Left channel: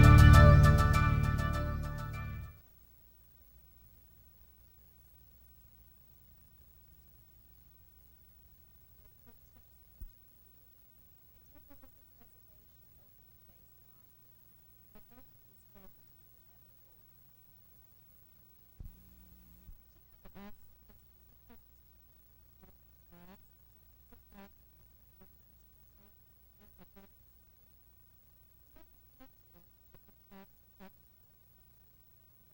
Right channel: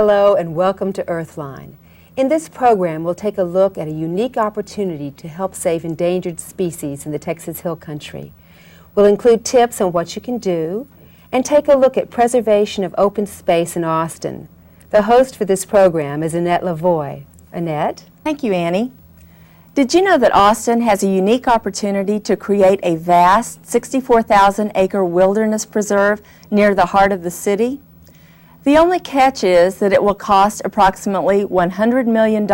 Hello and welcome to Earthline. In this program, we'll take a look at a unique opportunity to help save endangered species in the Texas Hill Country. We'll include tips on what you can do and take a look at preservation of open space in Austin. The host for this program is Annette Lavoie. Annette? Thank you, Annie. Did you know that Austin has a unique opportunity to create a vast 64,000-acre wilderness preserve near the heart of the city? The only catch is that it will cost approximately $100 million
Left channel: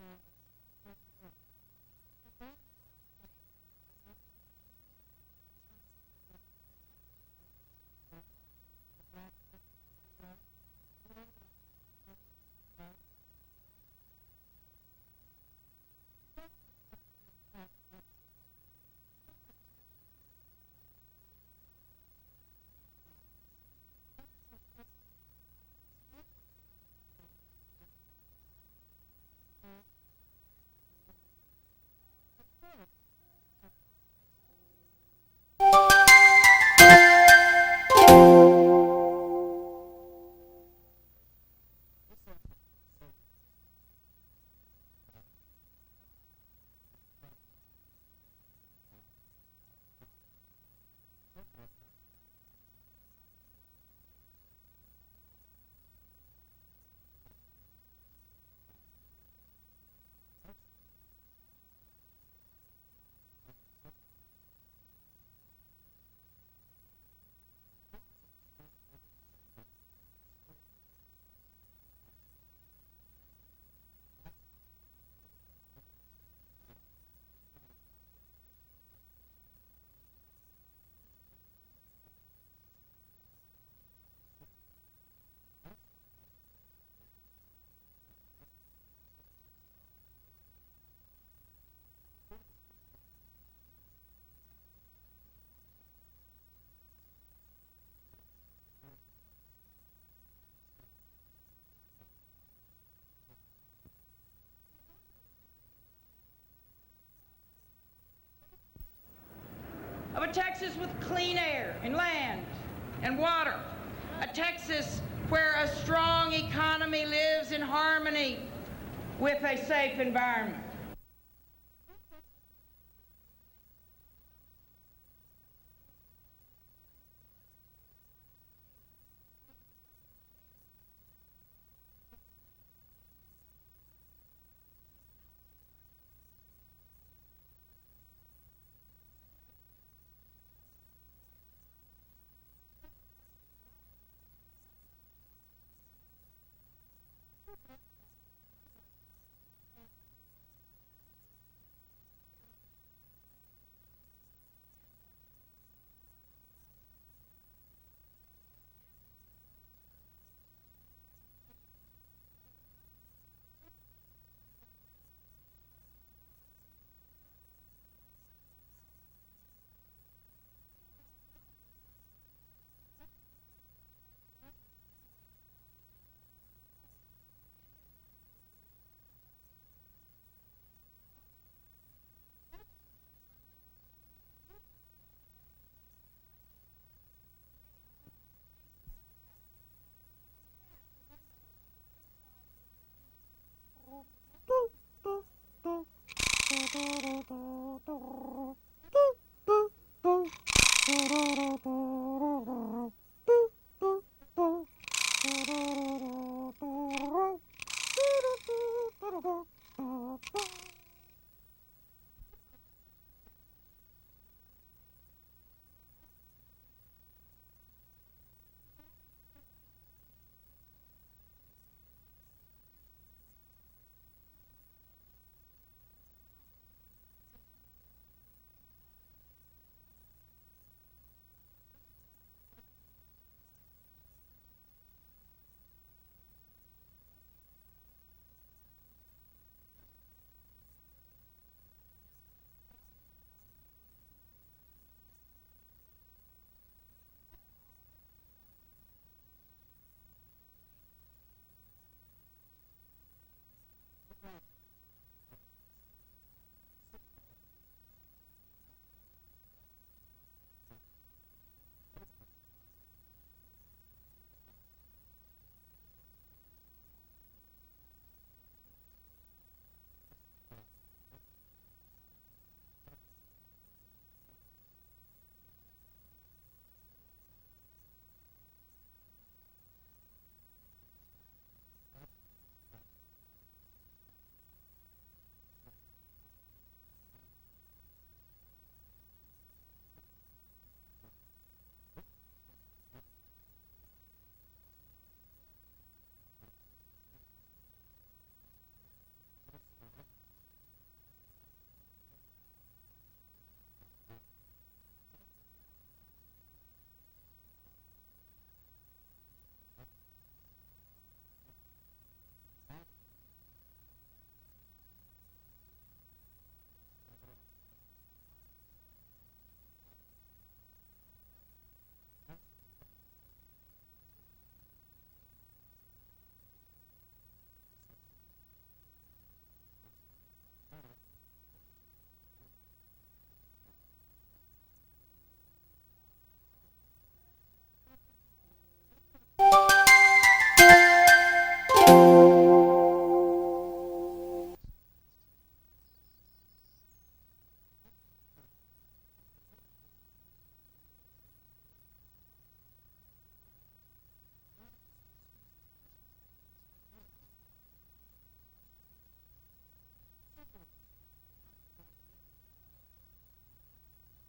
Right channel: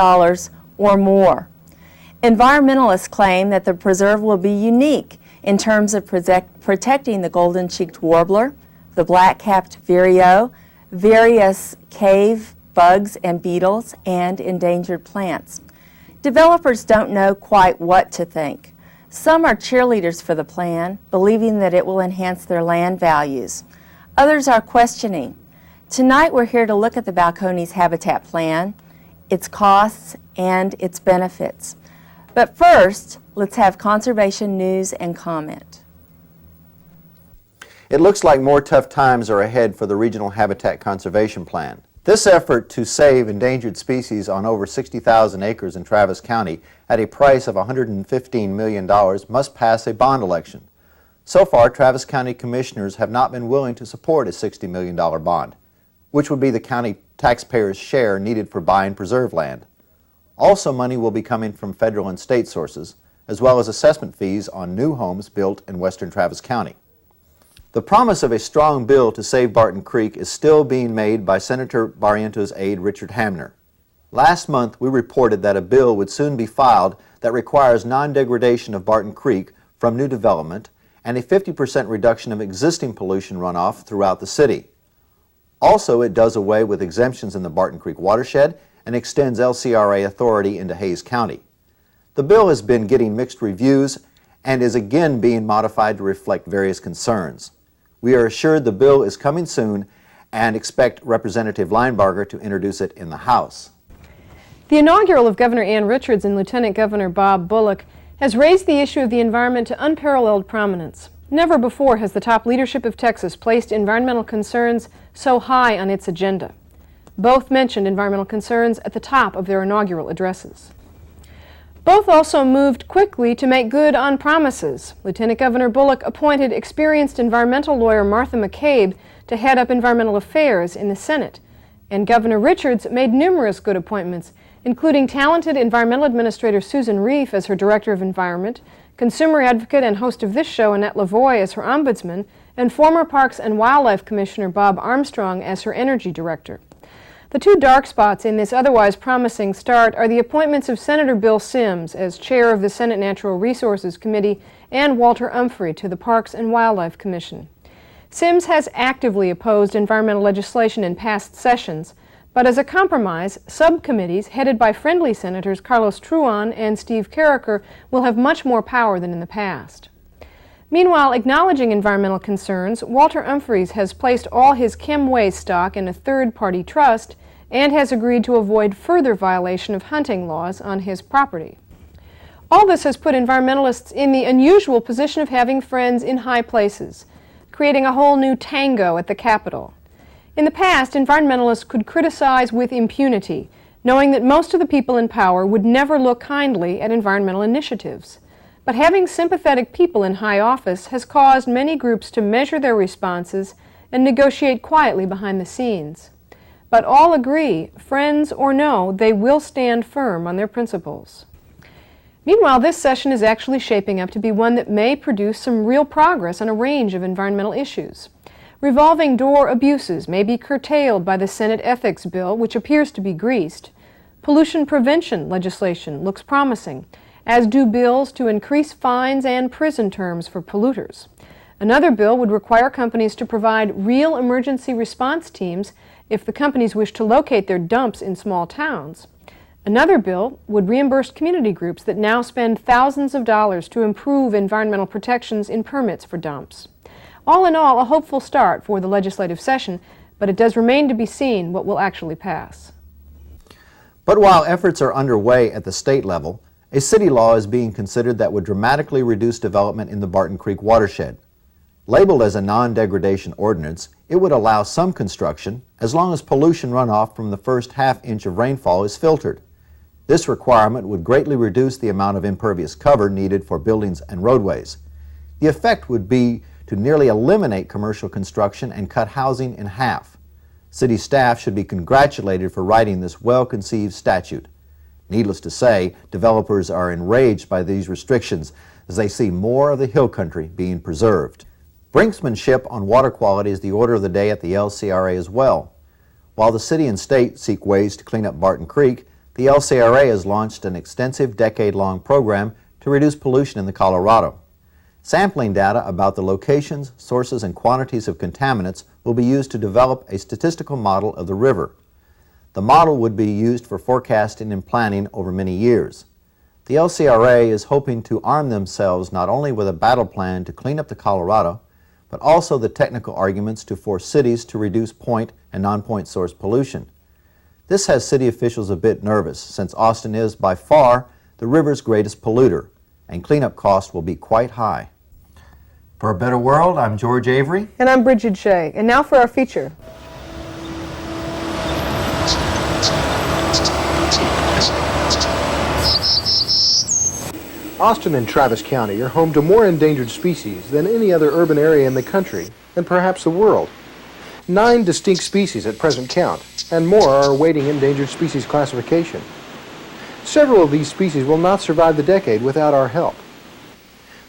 or more. Environmentalists claim that the preserve will be unique in terms of protecting the golden-cheeked warbler, the black-capped vireo, various cave bugs and beetles, and endangered plants. Developers don't know quite what to think. Some are cheerleaders for the plan, believing that it will enhance their land values. Others are questioning. Tonight we're here to look at the Balcones Habitat Plan, its costs, and its benefits. But first, let's have conservation news and comment. It looks like more tough times are ahead for the Regional Habitat Conservation Plan. This effort to save endangered species on over 60,000 acres in Travis County at a price of $115 million must pass a bond election. So far, Travis County commissioners have not been willing to support a $60 million bond, which would be the county taxpayers' share needed for buying preserve land. Also, money will be coming from federal and state sources, as well as assessment fees on new homes built in western Travis County. The promise of a strong bill to save Barton Creek is still being made by Senator Barrientos' aide Richard Hamner. Last month, we reported that a bill would soon be filed that requires non-degradation of Barton Creek from new development and a 50% reduction of existing pollution runoff throughout the city. Also, it does away with exemptions in the Barton Creek watershed and extends LCRA authority into Hays County. The bill has been getting mixed reviews and is again being modified to reflect various concerns. We are assured the bill is coming soon and expect Representative Linebarger to introduce it in the House. The inaugural of Governor Ann Richards and Lieutenant Governor Bob Bullock has raised the issue of the environment to unparalleled prominence. Never before has the top leadership of Texas placed environmental concerns so high on its agenda. Both mentioned environmental concerns at the top of their inaugural addresses. Both also moved quickly to make good on promises. Lieutenant Governor Bullock appointed experienced environmental lawyer Martha McCabe to head up environmental affairs in the Senate. And Governor Richards made numerous good appointments, including talented environmental administrator Susan Reef as her Director of Environment, consumer advocate and host of this show Annette Lavoie as her Ombudsman, and former Parks and Wildlife Commissioner Bob Armstrong as her Energy Director. The two dark spots in this otherwise promising start are the appointments of Senator Bill Sims as chair of the Senate Natural Resources Committee and Walter Umphrey to the Parks and Wildlife Commission. Sims has actively opposed environmental legislation in past sessions, but as a compromise, subcommittees headed by friendly Senators Carlos Truan and Steve Carriker will have much more power than in the past. Meanwhile, acknowledging environmental concerns, Walter Umphrey has placed all his chem waste stock in a third-party trust and has agreed to avoid further violation of hunting laws on his property. All this has put environmentalists in the unusual position of having friends in high places, creating a whole new tango at the Capitol. In the past, environmentalists could criticize with impunity, knowing that most of the people in power would never look kindly at environmental initiatives. But having sympathetic people in high office has caused many groups to measure their responses and negotiate quietly behind the scenes. But all agree, friends or no, they will stand firm on their principles. Meanwhile, this session is actually shaping up to be one that may produce some real progress on a range of environmental issues. Revolving door abuses may be curtailed by the Senate ethics bill, which appears to be greased. Pollution prevention legislation looks promising, as do bills to increase fines and prison terms for polluters. Another bill would require companies to provide real emergency response teams if the companies wish to locate their dumps in small towns. Another bill would reimburse community groups that now spend thousands of dollars to improve environmental protections in permits for dumps. All in all, a hopeful start for the legislative session, but it does remain to be seen what will actually pass. But while efforts are underway at the state level, a city law is being considered that would dramatically reduce development in the Barton Creek watershed. Labeled as a non-degradation ordinance, It would allow some construction as long as pollution runoff from the first half-inch of rainfall is filtered. This requirement would greatly reduce the amount of impervious cover needed for buildings and roadways. The effect would be to nearly eliminate commercial construction and cut housing in half. City staff should be congratulated for writing this well-conceived statute. Needless to say, developers are enraged by these restrictions as they see more of the hill country being preserved. Brinksmanship on water quality is the order of the day at the LCRA as well. While the city and state seek ways to clean up Barton Creek, the LCRA has launched an extensive decade-long program to reduce pollution in the Colorado. Sampling data about the locations, sources, and quantities of contaminants will be used to develop a statistical model of the river. The model would be used for forecasting and planning over many years. The LCRA is hoping to arm themselves not only with a battle plan to clean up the Colorado, but also the technical arguments to force cities to reduce point and non-point source pollution. This has city officials a bit nervous, since Austin is by far the river's greatest polluter, and cleanup costs will be quite high. For a Better World, I'm George Avery. And I'm Bridget Shea. And now for our feature. Austin and Travis County are home to more endangered species than any other urban area in the country, and perhaps the world. 9 distinct species at present count, and more are awaiting endangered species classification. Several of these species will not survive the decade without our help.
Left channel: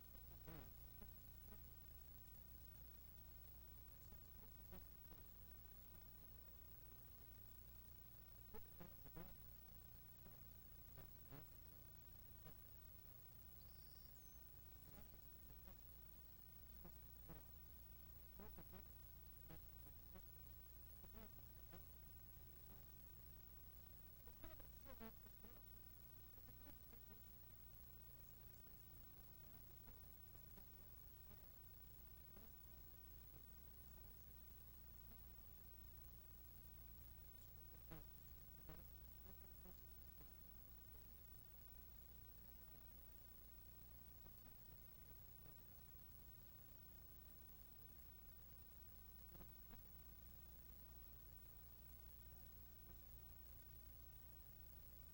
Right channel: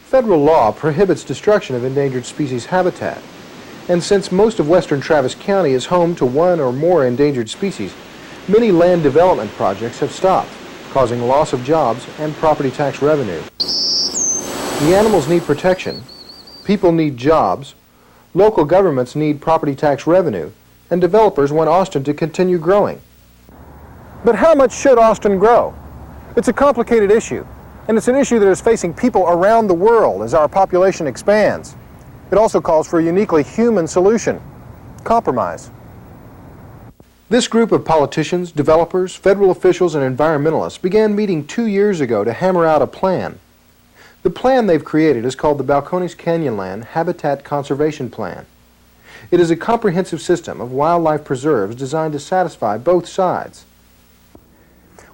Federal law prohibits destruction of endangered species habitat, and since most of western Travis County is home to one or more endangered species, many land development projects have stopped, causing loss of jobs and property tax revenue. The animals need protection, people need jobs, local governments need property tax revenue, and developers want Austin to continue growing. But how much should Austin grow? It's a complicated issue, and it's an issue that is facing people around the world as our population expands. It also calls for a uniquely human solution: compromise. This group of politicians, developers, federal officials, and environmentalists began meeting 2 years ago to hammer out a plan. The plan they've created is called the Balcones Canyonland Habitat Conservation Plan. It is a comprehensive system of wildlife preserves designed to satisfy both sides.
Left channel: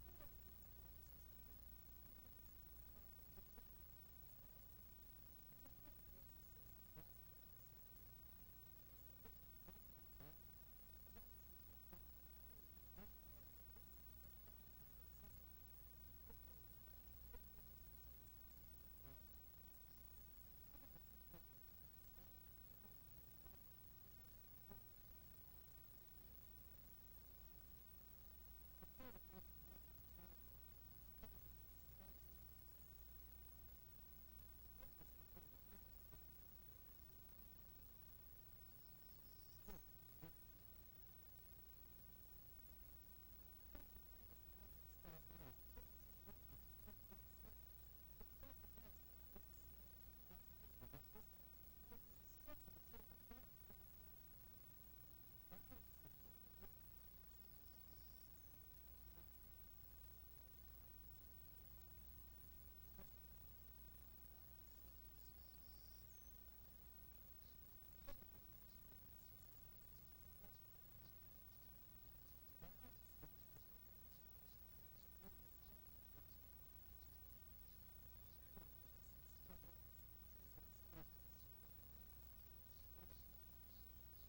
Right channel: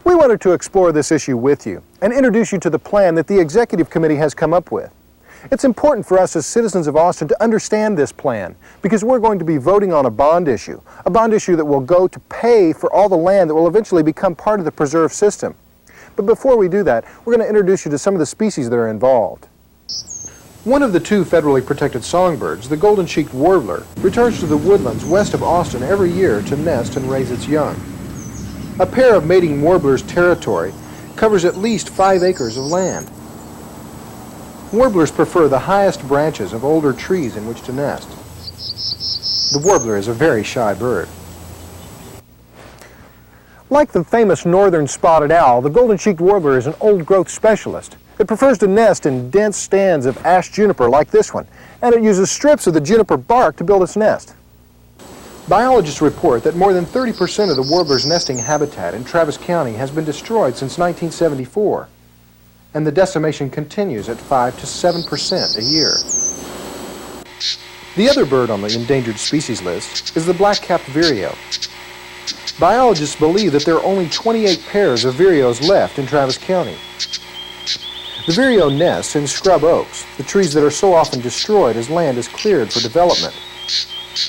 We wanted to explore this issue with you and introduce you to the plan that the Executive Committee has come up with. It's important for us as citizens of Austin to understand this plan because we're going to be voting on a bond issue that will go to pay for all the land that will eventually become part of the preserve system. But before we do that, we're going to introduce you to some of the species that are involved. One of the 2 federally protected songbirds, the golden-cheeked warbler, returns to the woodlands west of Austin every year to nest and raise its young. A pair of mating warblers' territory covers at least 5 acres of land. Warblers prefer the highest branches of older trees in which to nest. The warbler is a very shy bird. Like the famous northern spotted owl, the golden-cheeked warbler is an old-growth specialist. It prefers to nest in dense stands of ash juniper like this one, and it uses strips of the juniper bark to build its nest. Biologists report that more than 30% of the warbler's nesting habitat in Travis County has been destroyed since 1974, and the decimation continues at 5 to 7% a year. The other bird on the endangered species list is the black-capped vireo. Biologists believe that there are only 28 pairs of vireos left in Travis County. The vireo nests in scrub oaks, the trees that are so often destroyed as land is cleared for development.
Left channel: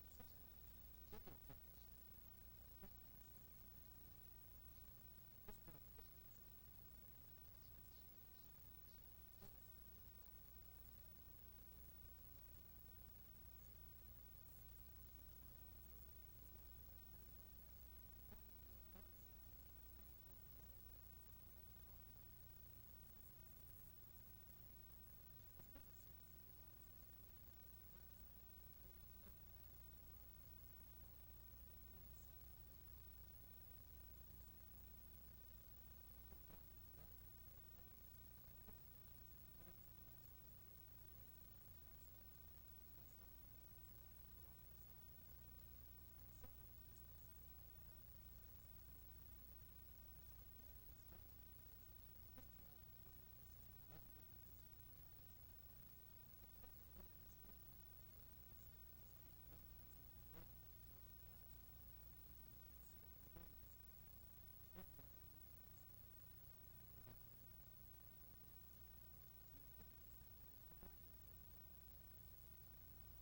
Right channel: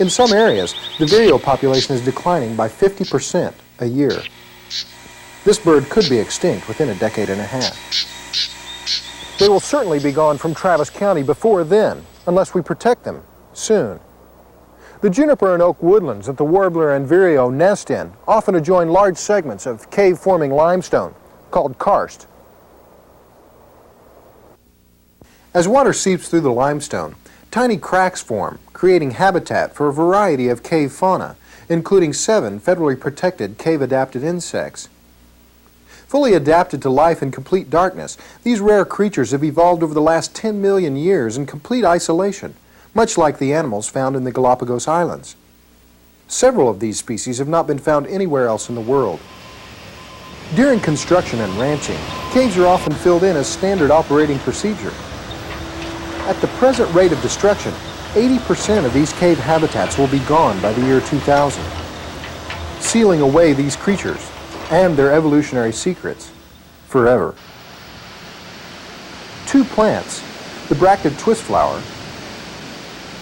In some areas, the vireo population is declining by 50% a year. This bird could be extinct within a decade and a half. They will certainly be gone from Travis County before then, unless we protect them soon. The juniper and oak woodlands that the warbler and vireo nest in often adjoin large segments of cave-forming limestone, called karst. As water seeps through the limestone, tiny cracks form, creating habitat for a variety of cave fauna, including 7 federally protected cave-adapted insects. Fully adapted to life in complete darkness, these rare creatures have evolved over the last 10 million years in complete isolation, much like the animals found in the Galapagos Islands. Several of these species have not been found anywhere else in the world. During construction and ranching, caves are often filled in as standard operating procedure. At the present rate of destruction, 80% of these cave habitats will be gone by the year 2000, sealing away these creatures and their evolutionary secrets forever. 2 plants, the bracted twistflower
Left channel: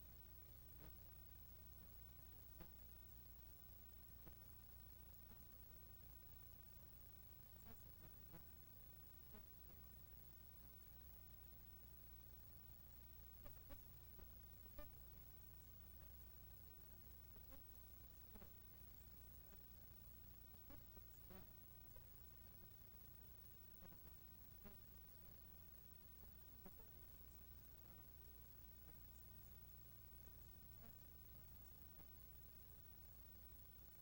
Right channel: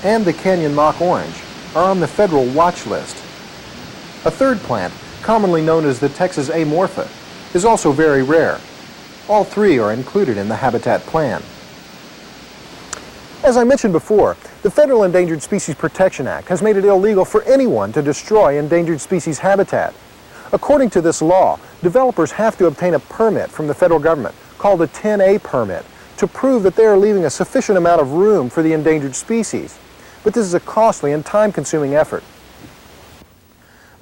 and the canyon mock orange, are on the federal watch list. A 3rd plant, commonly known as the Texas amorpha, is also very rare. All 3 are included in the habitat plan. As I mentioned before, the Federal Endangered Species Protection Act has made it illegal for anyone to destroy endangered species habitat. According to this law, developers have to obtain a permit from the federal government, called a 10A permit, to prove that they are leaving a sufficient amount of room for the endangered species. But this is a costly and time-consuming effort.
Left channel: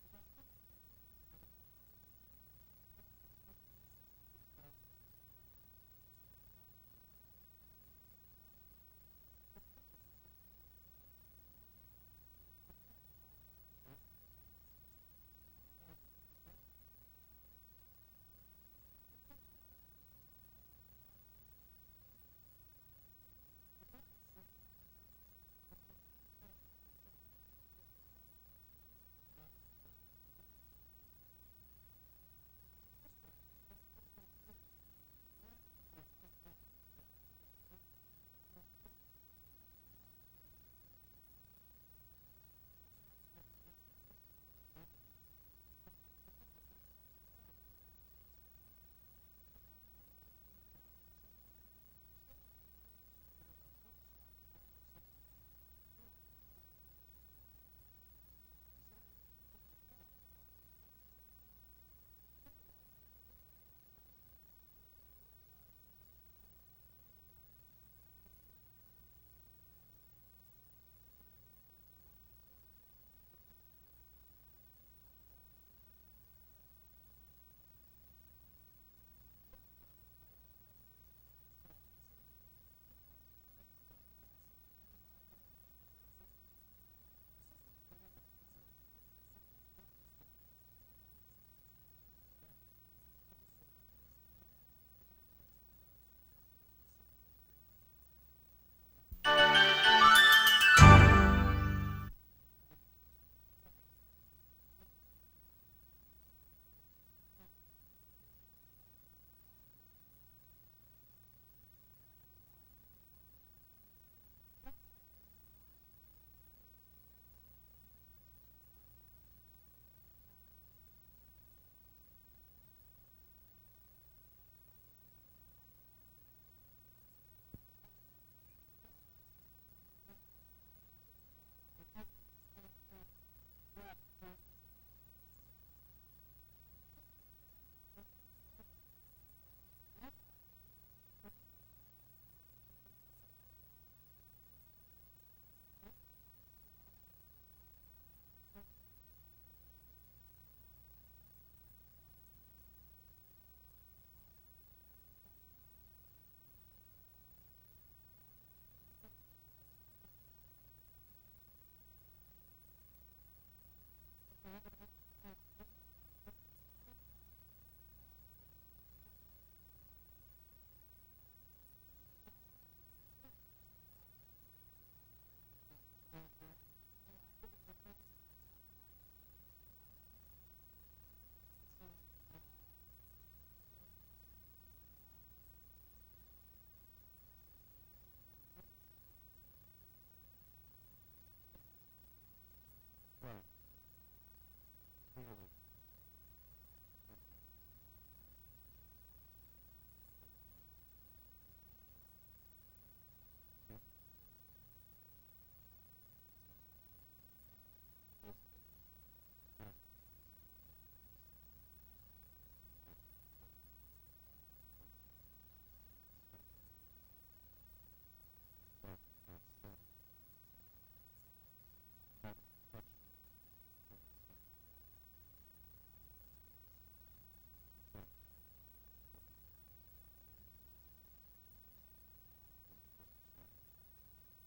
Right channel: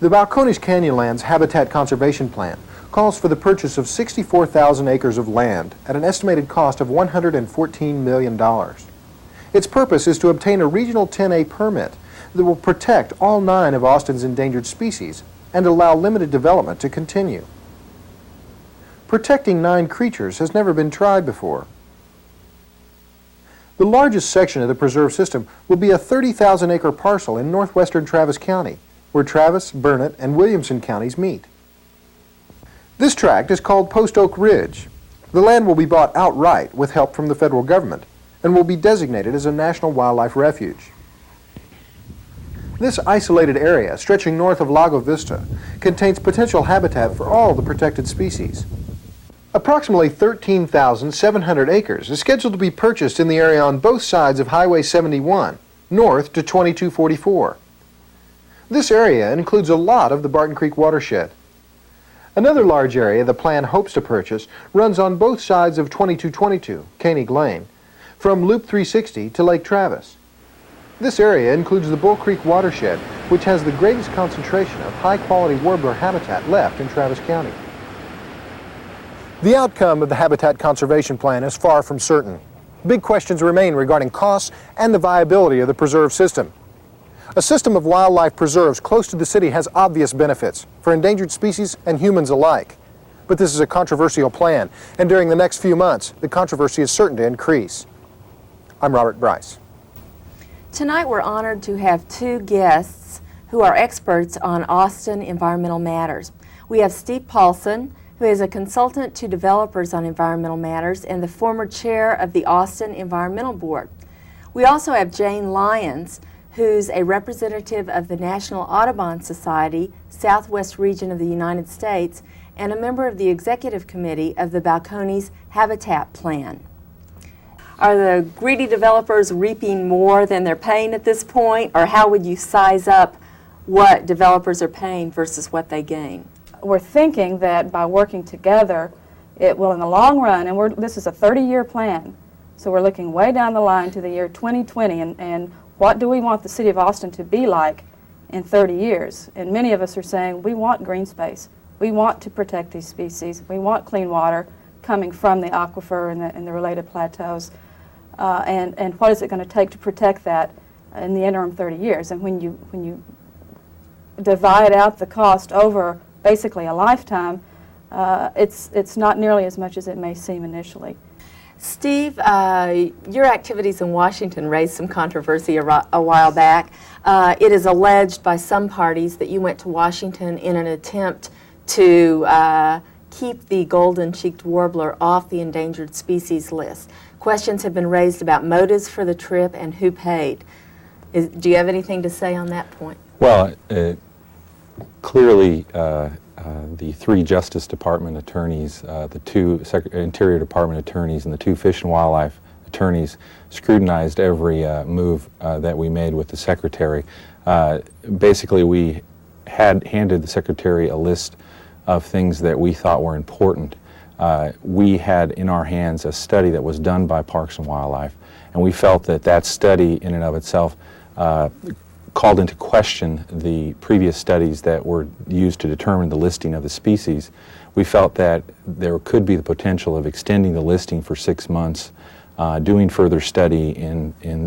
The Balcones Canyonlands Habitat Conservation Plan calls for the purchase of 64,000 acres of land at an estimated cost of $114 million. Its purpose is to obtain a regional 10A permit that will protect all 9 of Austin's endangered species and allow limited development to continue. Protecting 9 creatures has never been tried before. The largest section of the preserve system will be a 30,000-acre parcel in northwestern Travis County, where Travis, Burnett, and Williamson counties meet. This tract is called Post Oak Ridge. The land will be bought outright with help from the federal government and will be designated as a National Wildlife Refuge. This isolated area, stretching north of Lago Vista, contains potential habitat for all the protected species. Approximately 13,700 acres is scheduled to be purchased in the area on both sides of Highway 71, north to 2244. This area includes a lot of the Barton Creek watershed. Another large area the plan hopes to purchase runs on both sides of 2222, Koenig Lane, from Loop 360 to Lake Travis. This area includes the Bull Creek watershed, which has the greatest concentration of high-quality warbler habitat left in Travis County. The outcome of the Habitat Conservation Plan is far from certain. Big questions remain regarding costs and the viability of the preserve system. A system of wildlife preserves close to the city has obvious benefits for endangered species and humans alike. But this is a controversial plan, and during the next few months, the controversy is certain to increase. I'm Robert Bryce. Tonight we're honored to have 2 guests who are experts on Austin environmental matters. We have Steve Paulson, who is a consultant to developers on environmental matters and the former chair of the Austin Environmental Board. We also have Jane Lyons, who's a representative of the National Audubon Society, Southwest region of the United States, and a member of the executive committee of the Balcones Habitat Plan. Are the greedy developers reaping more than they're paying at this point, or how would you size up what developers are paying versus what they gain? We're thinking that by working together, it will in the long run, and this is a 30-year plan, so we're looking way down the line to the year 2020, and what do we want the city of Austin to be like in 30 years? And many of us are saying we want green space. We want to protect these species. We want clean water coming from the aquifer and the related plateaus. And what is it going to take to protect that in the interim 30 years? And when you divide out the cost over basically a lifetime, it's not nearly as much as it may seem initially. Steve, your activities in Washington raised some controversy a while back. It is alleged by some parties that you went to Washington in an attempt to keep the golden-cheeked warbler off the endangered species list. Questions have been raised about motives for the trip and who paid. Do you have anything to say on that point? Well, clearly the 3 Justice Department attorneys, the 2 Interior Department attorneys, and the 2 Fish and Wildlife attorneys scrutinized every move that we made with the Secretary. Basically, we had handed the Secretary a list of things that we thought were important. We had in our hands a study that was done by Parks and Wildlife, and we felt that that study in and of itself called into question the previous studies that were used to determine the listing of the species. We felt that there could be the potential of extending the listing for 6 months, doing further study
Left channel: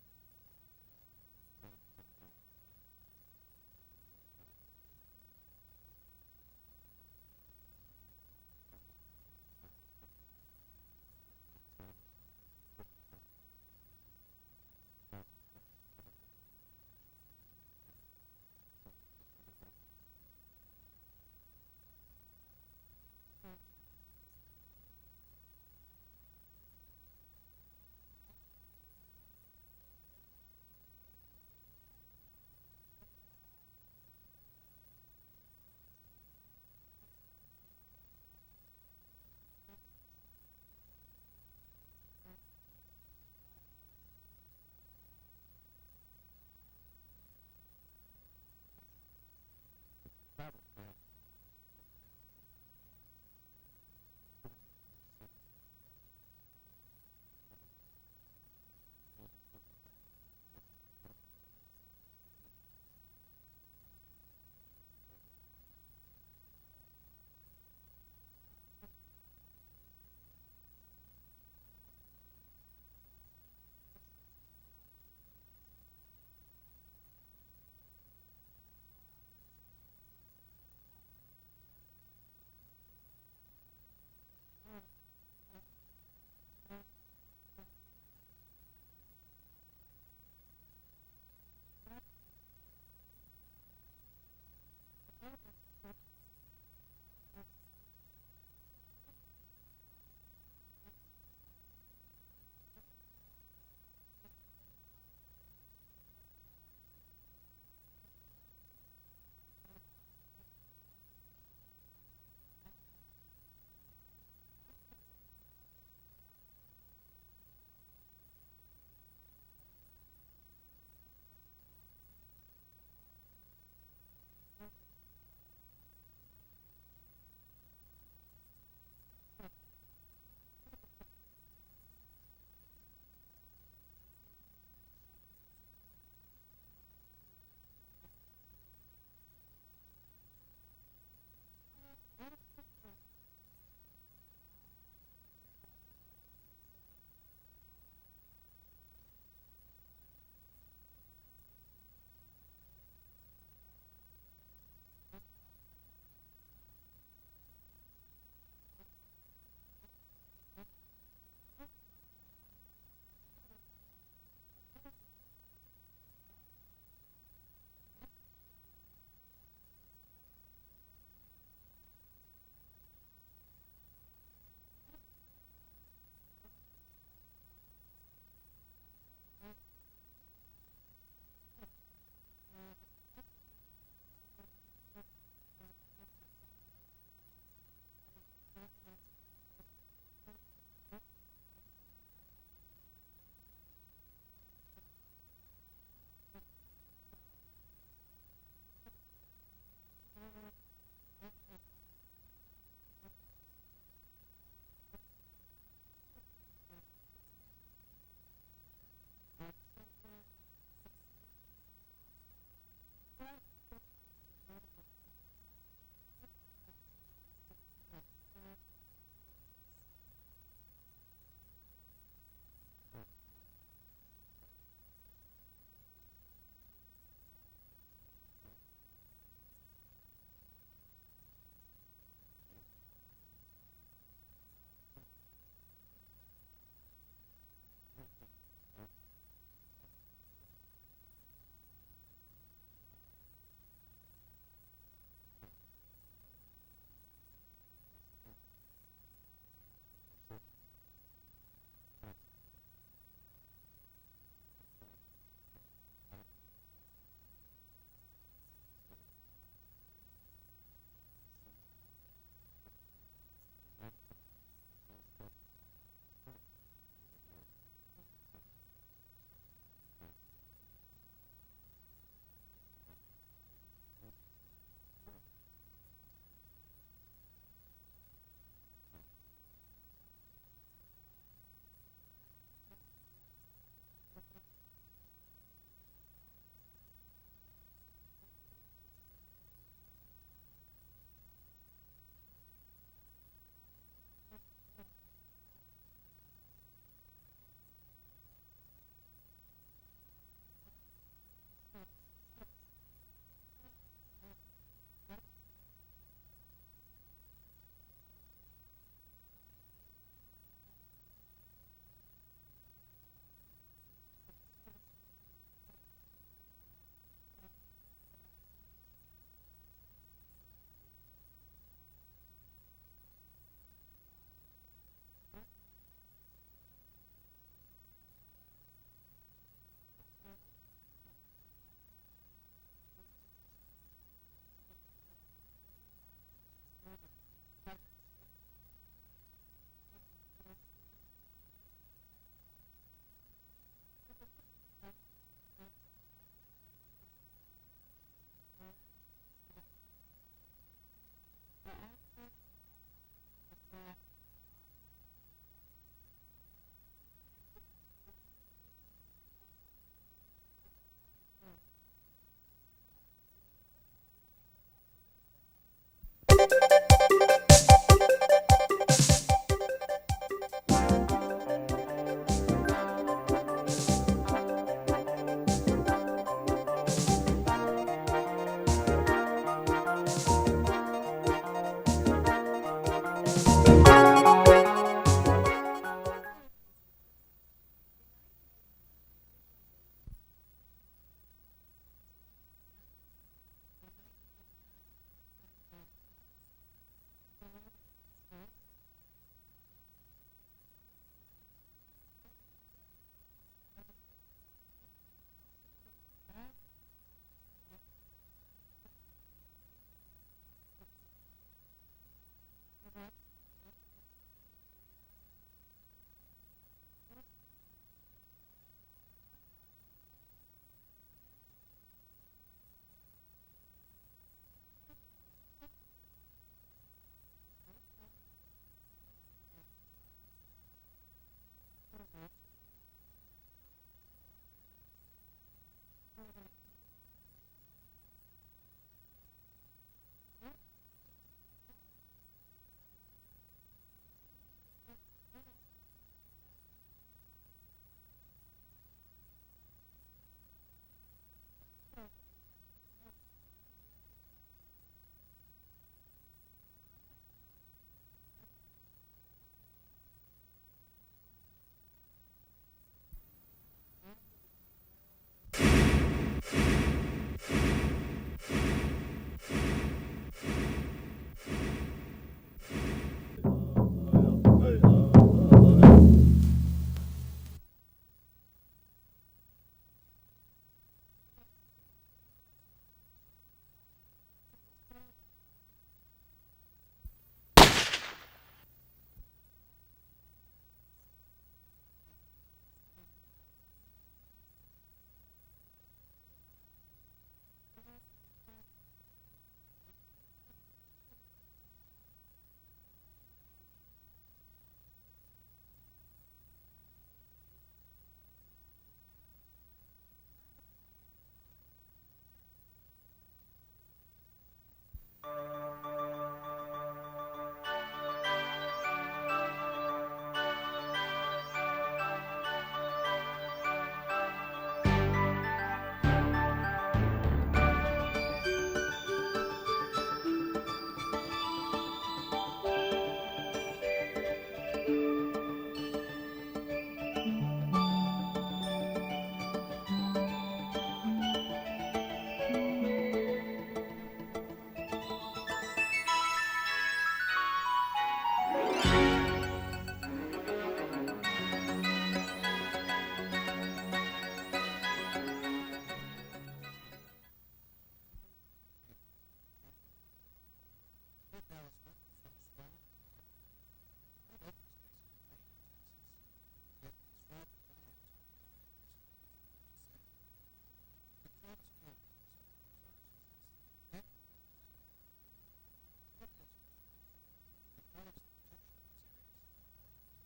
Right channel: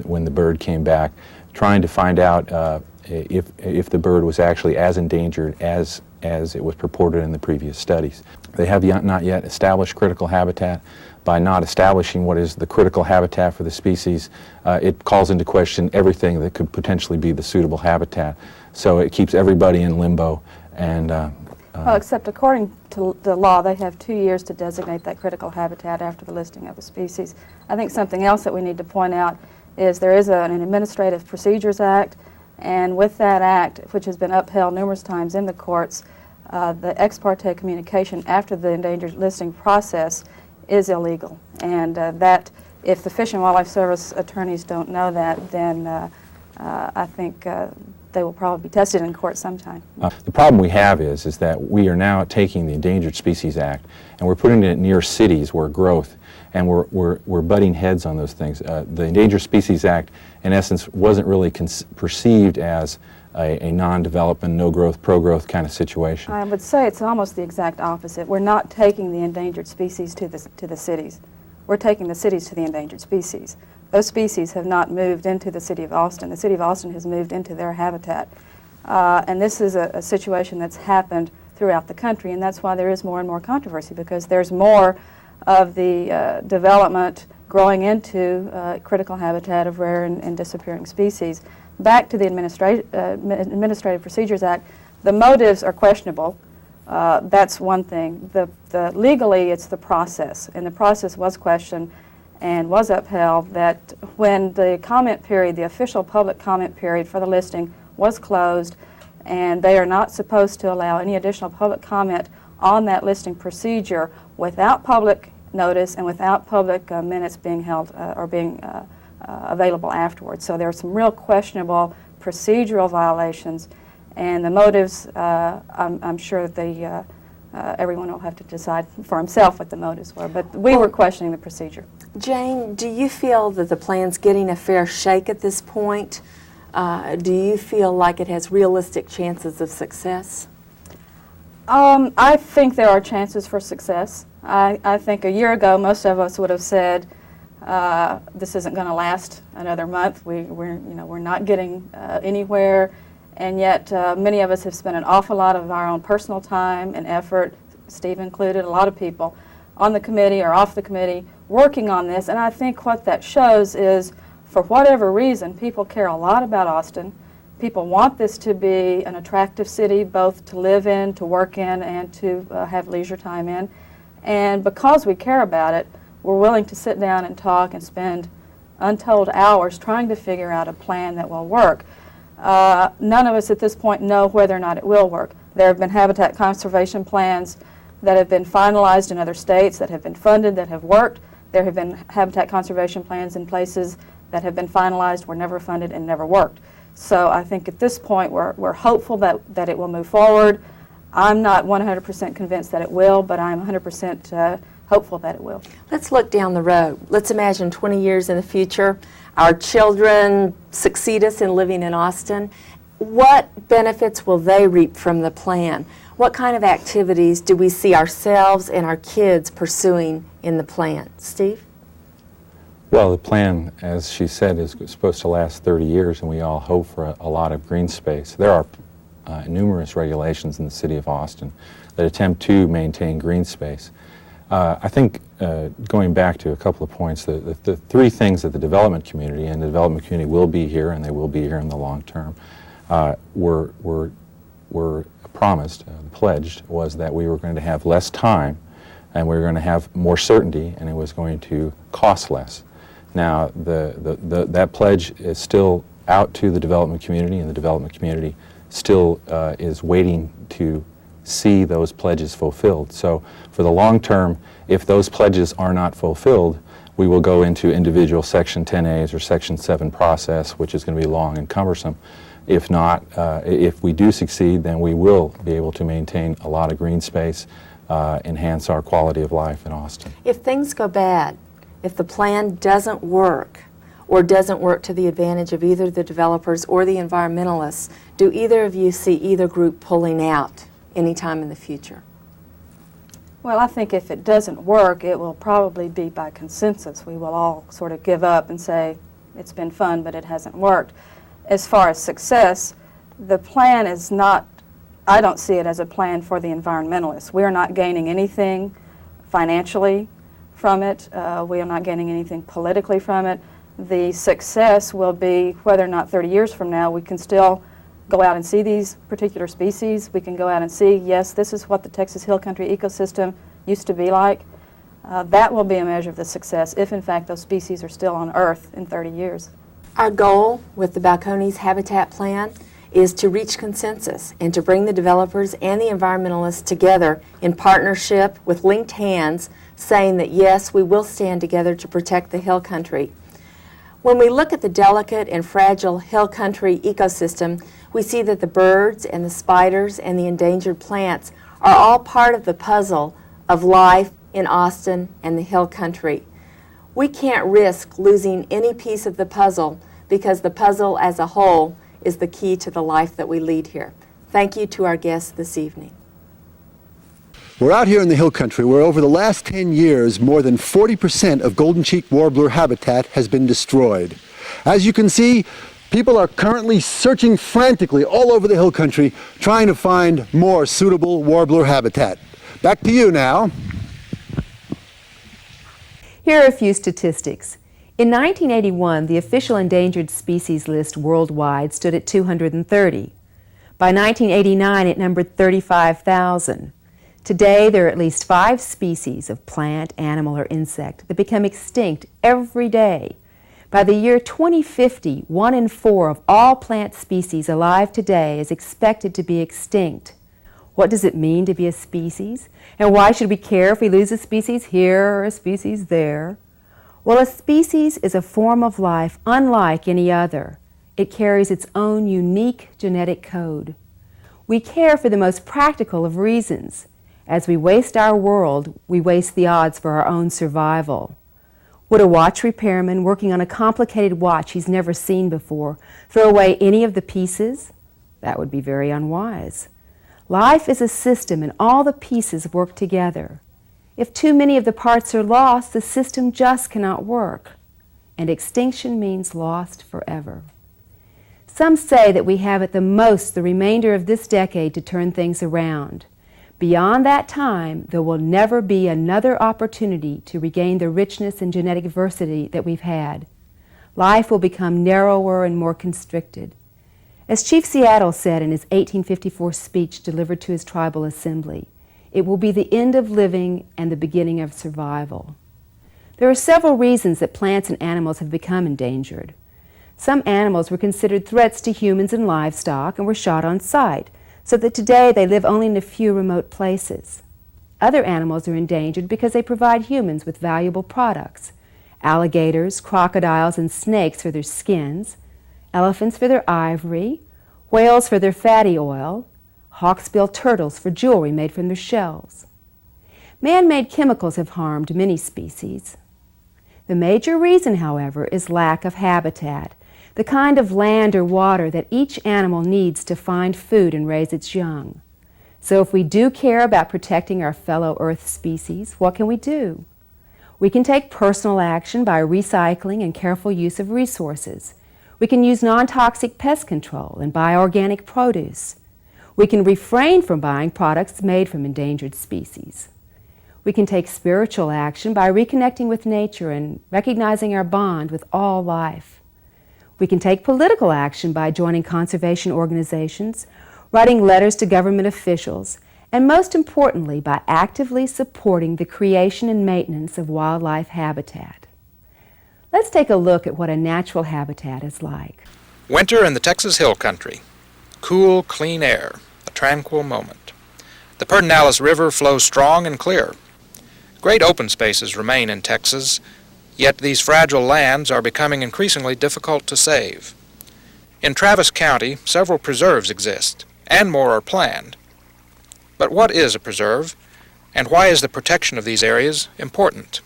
when the bird came back, trying to find out if the bird was actually as endangered as it was purported in the previous studies. They have not yet established critical habitat. By not establishing what is the critical habitat for the species, it calls into question everything that could potentially be the suitable habitat. So it keeps everybody in limbo. And well, except according to the law, they have 2 years to designate that critical habitat after the listing of a species. I think something else that we need to point out is there is an Administrative Procedures Act, and with that act, which has been upheld numerous times in the courts, the ex parte communication after the endangered listing process is illegal. And that, if the Fish and Wildlife Service attorneys don't know that, then I think they will probably be tested in court sometime. The problem we have is that we are now taking the Endangered Species Act and we're putting it near cities where growth, and we're butting heads on those things. The Endangered Species Act, in essence, wasn't really perceived as a non-development, no-growth, pro-growth kind of situation. I would say it's almost the exact opposite. We're not taking the endangered species to the cities. We're taking the cities to the endangered species. Those species have not moved into the city of Austin. The city of Austin has moved into their habitat. And this is a situation that's happened throughout the country, and that's why there is more and more controversy, because there's more of the development growing into critical habitat of rare and disappearing species. Back to the Administrative Procedures Act, the motives are questionable. That's one thing. Legally, it's the process, and the process was questioned and was upheld, that when the comment period, the official public comment period for the listing was closed, and they are not supposed to allow any additional public comment on that listing procedure without public notice and without public minutes being held or being available afterwards. So there are some real questionable procedural violations, and the motives, I'm sure that everyone will have to decide for himself what the motives were, but we were questioning the procedure. Jane, do you feel that the plan's getting a fair shake at this point? Do you feel like it has realistic chances of success? I think there are chances for success. I think a year ago most of us would have said, this isn't going to last another month. We're not getting anywhere, and yet many of us have spent an awful lot of our own personal time and effort, Steve included, a lot of people on the committee or off the committee working on this. And I think what that shows is, for whatever reason, people care a lot about Austin. People want this to be an attractive city, both to live in, to work in, and to have leisure time in. And because we care about it, we're willing to sit down and talk and spend untold hours trying to figure out a plan that will work. None of us at this point know whether or not it will work. There have been habitat conservation plans that have been finalized in other states, that have been funded, that have worked. There have been habitat conservation plans in places that have been finalized, were never funded, and never worked. So I think at this point we're hopeful that it will move forward. I'm not 100% convinced that it will, but I'm 100% hopeful that it will. Let's look down the road. Let's imagine 20 years in the future, our children succeed us in living in Austin. What benefits will they reap from the plan? What kind of activities do we see ourselves and our kids pursuing in the plan? Steve? Well, the plan, as she said, is supposed to last 30 years, and we all hope for a lot of green space. There are numerous regulations in the city of Austin that attempt to maintain green space. I think, going back to a couple of points, the three things that the development community, and the development community will be here, and they will be here in the long term, were promised, pledged, was that we were going to have less time, and we were going to have more certainty, and it was going to cost less. Now, that pledge is still out to the development community, and the development community still is waiting to see those pledges fulfilled. So for the long term, if those pledges are not fulfilled, we will go into individual Section 10As or Section 7 process, which is going to be long and cumbersome. If not, if we do succeed, then we will be able to maintain a lot of green space, enhance our quality of life in Austin. If things go bad, if the plan doesn't work, or doesn't work to the advantage of either the developers or the environmentalists, do either of you see either group pulling out anytime in the future? Well, I think if it doesn't work, it will probably be by consensus. We will all sort of give up and say, it's been fun, but it hasn't worked. As far as success, The plan is not, I don't see it as a plan for the environmentalists. We are not gaining anything financially from it. We are not gaining anything politically from it. The success will be whether or not 30 years from now we can still go out and see these particular species. We can go out and see, yes, this is what the Texas Hill Country ecosystem used to be like. That will be a measure of the success if, in fact, those species are still on Earth in 30 years. Our goal with the Balcones Habitat Plan is to reach consensus and to bring the developers and the environmentalists together in partnership with linked hands, saying that, yes, we will stand together to protect the hill country. When we look at the delicate and fragile hill country ecosystem, we see that the birds and the spiders and the endangered plants are all part of the puzzle of life in Austin and the hill country. We can't risk losing any piece of the puzzle because the puzzle as a whole is the key to the life that we lead here. Thank you to our guests this evening. We're out here in the hill country where over the last 10 years, more than 40% of golden cheek warbler habitat has been destroyed. As you can see, people are currently searching frantically all over the hill country, trying to find more suitable warbler habitat. Back to you now. Here are a few statistics. In 1981, the official endangered species list worldwide stood at 230. By 1989, it numbered 35,000. Today, there are at least 5 species of plant, animal, or insect that become extinct every day. By the year 2050, 1 in 4 of all plant species alive today is expected to be extinct. What does it mean to be a species? And why should we care if we lose a species here or a species there? Well, a species is a form of life unlike any other. It carries its own unique genetic code. We care for the most practical of reasons. As we waste our world, we waste the odds for our own survival. Would a watch repairman working on a complicated watch he's never seen before throw away any of the pieces? That would be very unwise. Life is a system and all the pieces work together. If too many of the parts are lost, the system just cannot work. And extinction means lost forever. Some say that we have at the most the remainder of this decade to turn things around. Beyond that time, there will never be another opportunity to regain the richness and genetic diversity that we've had. Life will become narrower and more constricted. As Chief Seattle said in his 1854 speech delivered to his tribal assembly, it will be the end of living and the beginning of survival. There are several reasons that plants and animals have become endangered. Some animals were considered threats to humans and livestock and were shot on sight, so that today they live only in a few remote places. Other animals are endangered because they provide humans with valuable products. Alligators, crocodiles, and snakes for their skins, elephants for their ivory, whales for their fatty oil, hawksbill turtles for jewelry made from their shells. Man-made chemicals have harmed many species. The major reason, however, is lack of habitat, the kind of land or water that each animal needs to find food and raise its young. So if we do care about protecting our fellow Earth species, what can we do? We can take personal action by recycling and careful use of resources. We can use non-toxic pest control and buy organic produce. We can refrain from buying products made from endangered species. We can take spiritual action by reconnecting with nature and recognizing our bond with all life. We can take political action by joining conservation organizations, writing letters to government officials, and most importantly, by actively supporting the creation and maintenance of wildlife habitat. Let's take a look at what a natural habitat is like. Winter in the Texas Hill Country. Cool, clean air, a tranquil moment. The Pedernales River flows strong and clear. Great open spaces remain in Texas, yet these fragile lands are becoming increasingly difficult to save. In Travis County, several preserves exist, and more are planned. But what is a preserve, and why is the protection of these areas important?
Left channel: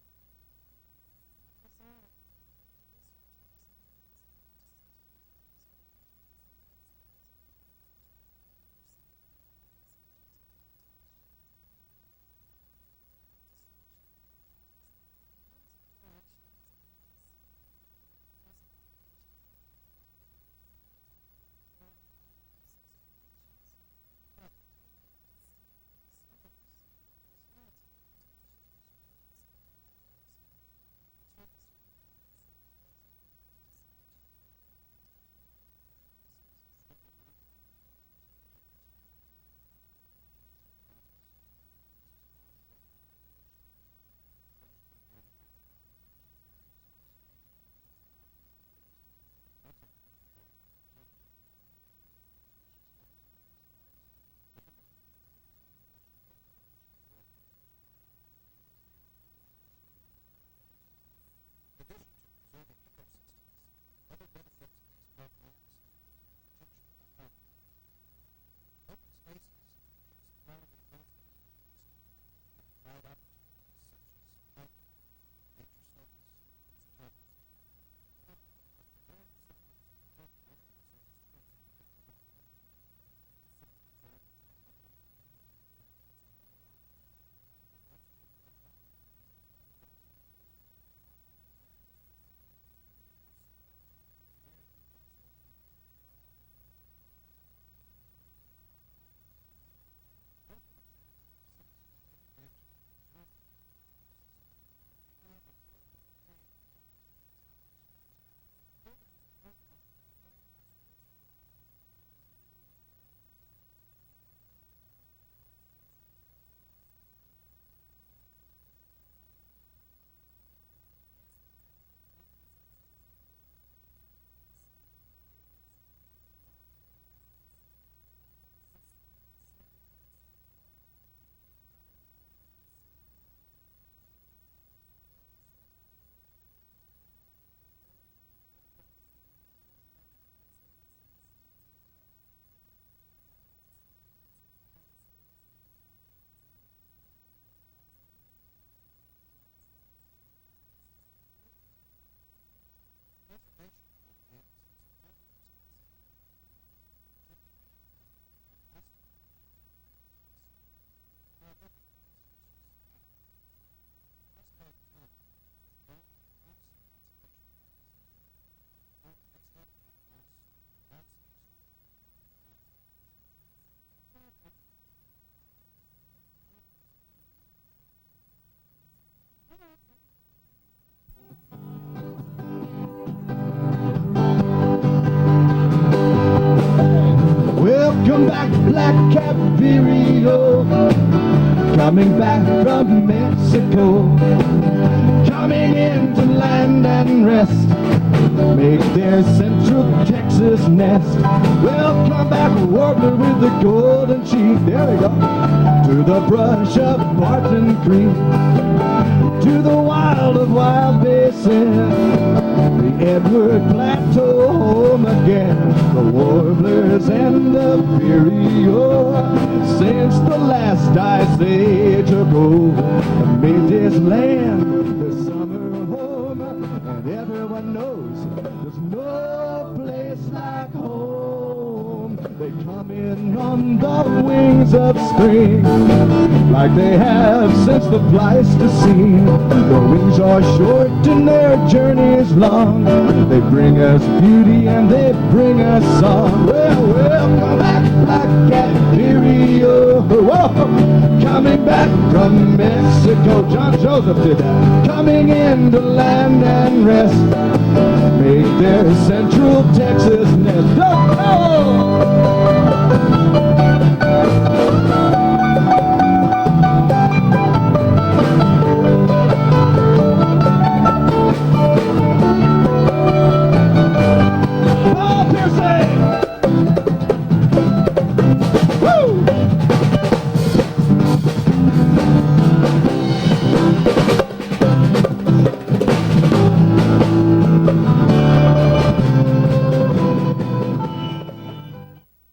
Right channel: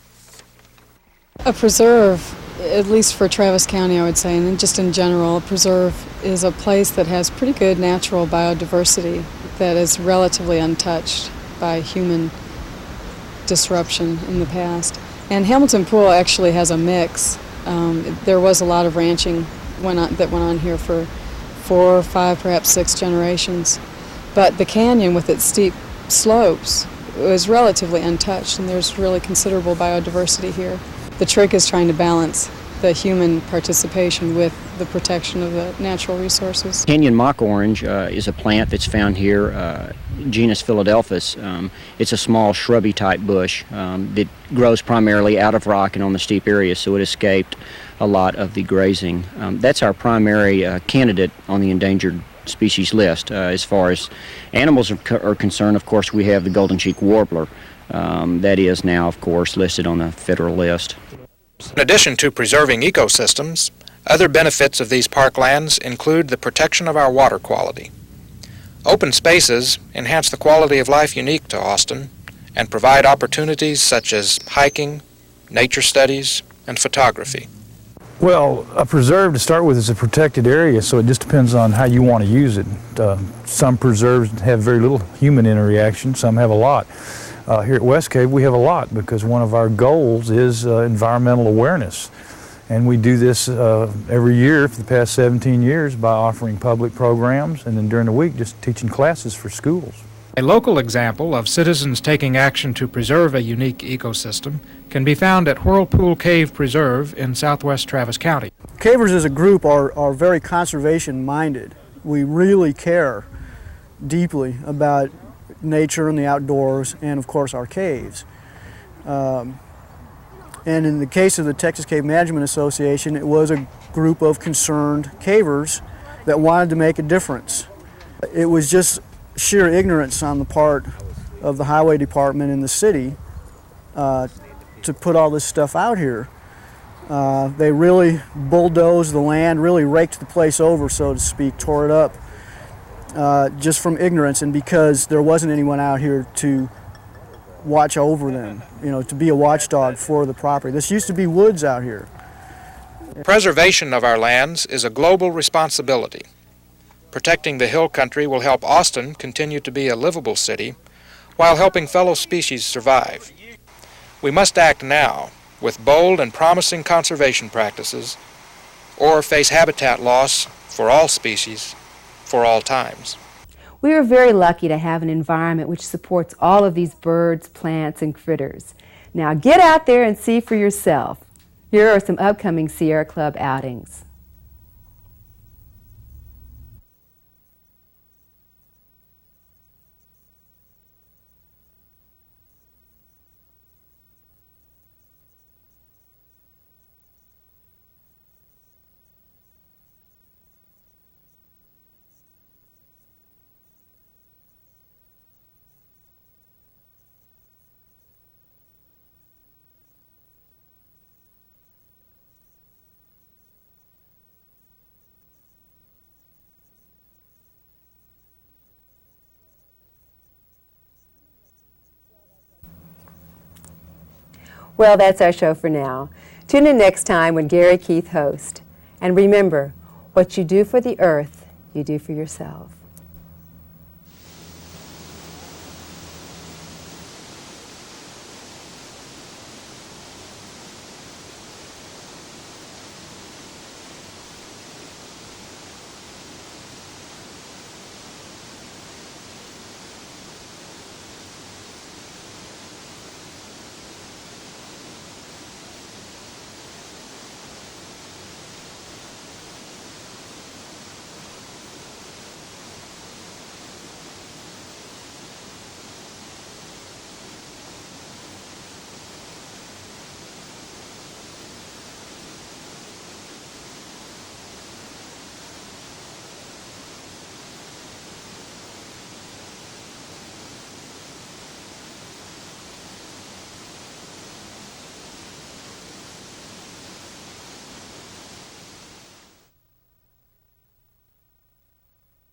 A preserve, at least for Travis County, I would say, and just in general, a preserve is a place that has pretty good natural biodiversity that is relatively untouched by human disruption in the past. And Hamilton Pool actually has a mix. There was a lot of ranching that went on here for 4, 5, perhaps 6 generations. But the canyon with its steep slopes was relatively untouched, and there's really considerable biodiversity here. The trick is trying to balance the human participation with the protection of the natural resources. Canyon mock orange is a plant that's found here, genus Philadelphus. It's a small shrubby type bush that grows primarily out of rock and on the steep areas, so it escaped a lot of the grazing. That's our primary candidate on the endangered species list. As far as animals are concerned, of course, we have the golden cheek warbler. That is now, of course, listed on the federal list. In addition to preserving ecosystems, other benefits of these parklands include the protection of our water quality. Open spaces enhance the quality of life unique to Austin and provide opportunities such as hiking, nature studies, and photography. Well, a preserve to start with is a protected area, so it just depends on how you want to use it. Some preserves have very little human interaction, some have a lot. Here at West Cave we have a lot because one of our goals is environmental awareness. And we do this every year for the past 17 years by offering public programs and then during the week just teaching classes for schools. A local example of citizens taking action to preserve a unique ecosystem can be found at Whirlpool Cave Preserve in southwest Travis County. Cavers as a group are very conservation minded. We really care deeply about nature and the outdoors and of course our caves. And in the case of the Texas Cave Management Association, it was a group of concerned cavers that wanted to make a difference. It was just sheer ignorance on the part of the highway department in the city to put all this stuff out here. They really bulldozed the land, really raked the place over, so to speak, tore it up just from ignorance and because there wasn't anyone out here to watch over them, you know, to be a watchdog for the property. This used to be woods out here. Preservation of our lands is a global responsibility. Protecting the hill country will help Austin continue to be a livable city while helping fellow species survive. We must act now with bold and promising conservation practices or face habitat loss for all species for all times. We are very lucky to have an environment which supports all of these birds, plants, and critters. Now get out there and see for yourself. Here are some upcoming Sierra Club outings. Welcome back, Black Cap Vireo, coming back from Mexico, coming into land and rest, make their central Texas nest. Welcome back, warbler with the golden cheek, there we go, to the brush of Barton Creek, to the wild of Wild Basin, the Edward Plateau home again, the warblers and the vireo, since the last ice age ago, made this land. Well, that's our show for now. Tune in next time when Gary Keith hosts. And remember, what you do for the earth, you do for yourself. On the wings of spring, like they have since the Pleistocene. The wings are short and their journeys long. They bring us beauty and they bring us song. Well, come back, Black Cat Vireo. Whoa, coming back from Mexico. John Joseph did that. Coming into land and rest. Make their central Texas